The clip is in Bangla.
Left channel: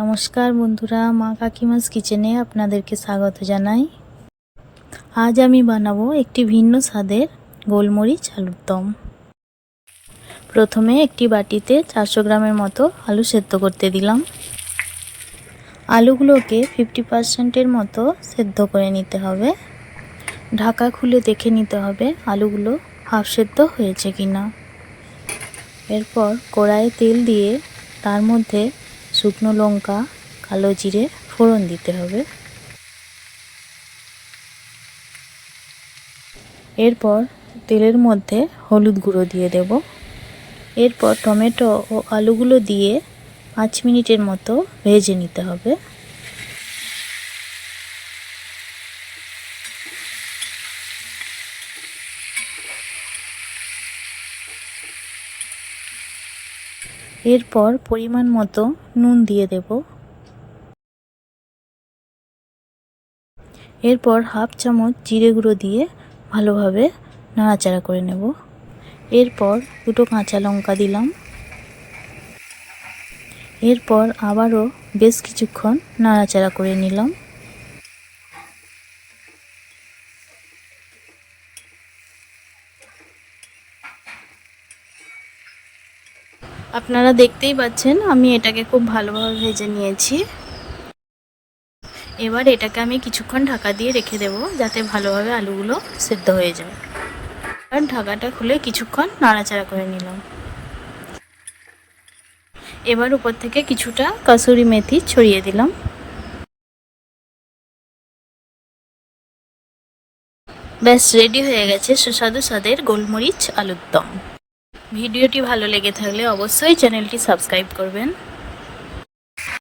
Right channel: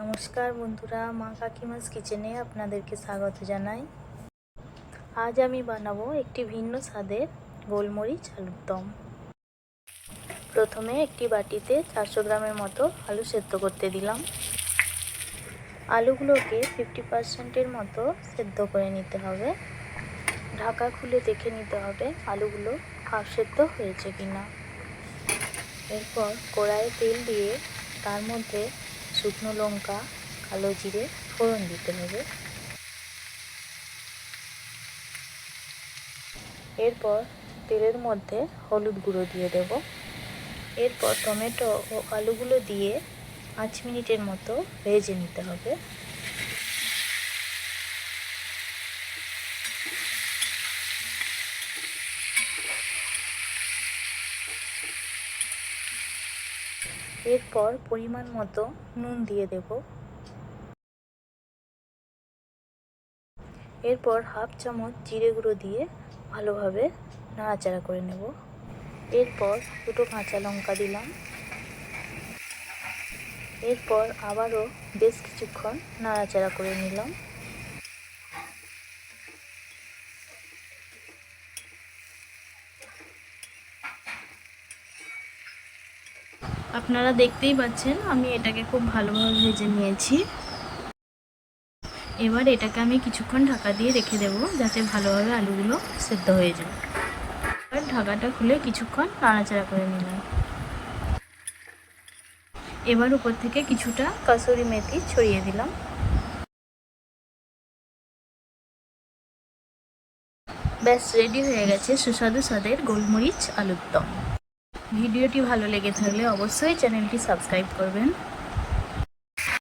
নমস্কার বন্ধুরা, মা কাকিমাস কিচেনে আপনাদেরকে স্বাগত জানাই। আজ আমি বানাবো একটি ভিন্ন স্বাদের গোলমরিচ আলুর দম। প্রথমে একটি বাটিতে চারশো গ্রামের মতো আলু সেদ্ধ করতে দিলাম। আলুগুলোকে ফিফটি পার্সেন্টের মতো সেদ্ধ করে নিতে হবে। ঢাকা খুলে দেখে নিতে হবে আলুগুলো হাফ সেদ্ধ হয়েছে কিনা। এরপর কড়াইয়ে তেল দিয়ে তার মধ্যে শুকনো লঙ্কা, কালো জিরে ফোড়ন দিতে হবে। এরপর তেলের মধ্যে হলুদ গুঁড়ো দিয়ে দেব। এরপর টমেটো ও আলুগুলো দিয়ে পাঁচ মিনিটের মতো ভেজে নিতে হবে। এরপর পরিমাণ মতো নুন দিয়ে দেব। এরপর হাফ চামচ জিরে গুঁড়ো দিয়ে ভালোভাবে নাড়াচাড়া করে নেব। এরপর দুটো কাঁচা লঙ্কা দিলাম। এরপর আবারও বেশ কিছুক্ষণ নাড়াচাড়া করে নিলাম। আপনারা দেখতেই পাচ্ছেন, আমি এটাকে খুব ভালোভাবে ভেজে নিয়েছি। এবার এটাকে আমি কিছুক্ষণ ঢাকা দিয়ে রেখে দেব, যাতে ভালোভাবে আলুগুলো সেদ্ধ হয়ে যায়। আর ঢাকাটা খুলে কিছুক্ষণ নাড়াচাড়া করে নিলাম। এবার উপর থেকে কিছুটা কাসুরি মেথি ছড়িয়ে দিলাম। ব্যাস, রেডি হয়ে গেছে সুস্বাদু স্বাদের গোলমরিচ আলুর দম। ভিডিওটি ভালো লেগে থাকলে অবশ্যই চ্যানেলটি সাবস্ক্রাইব করবেন।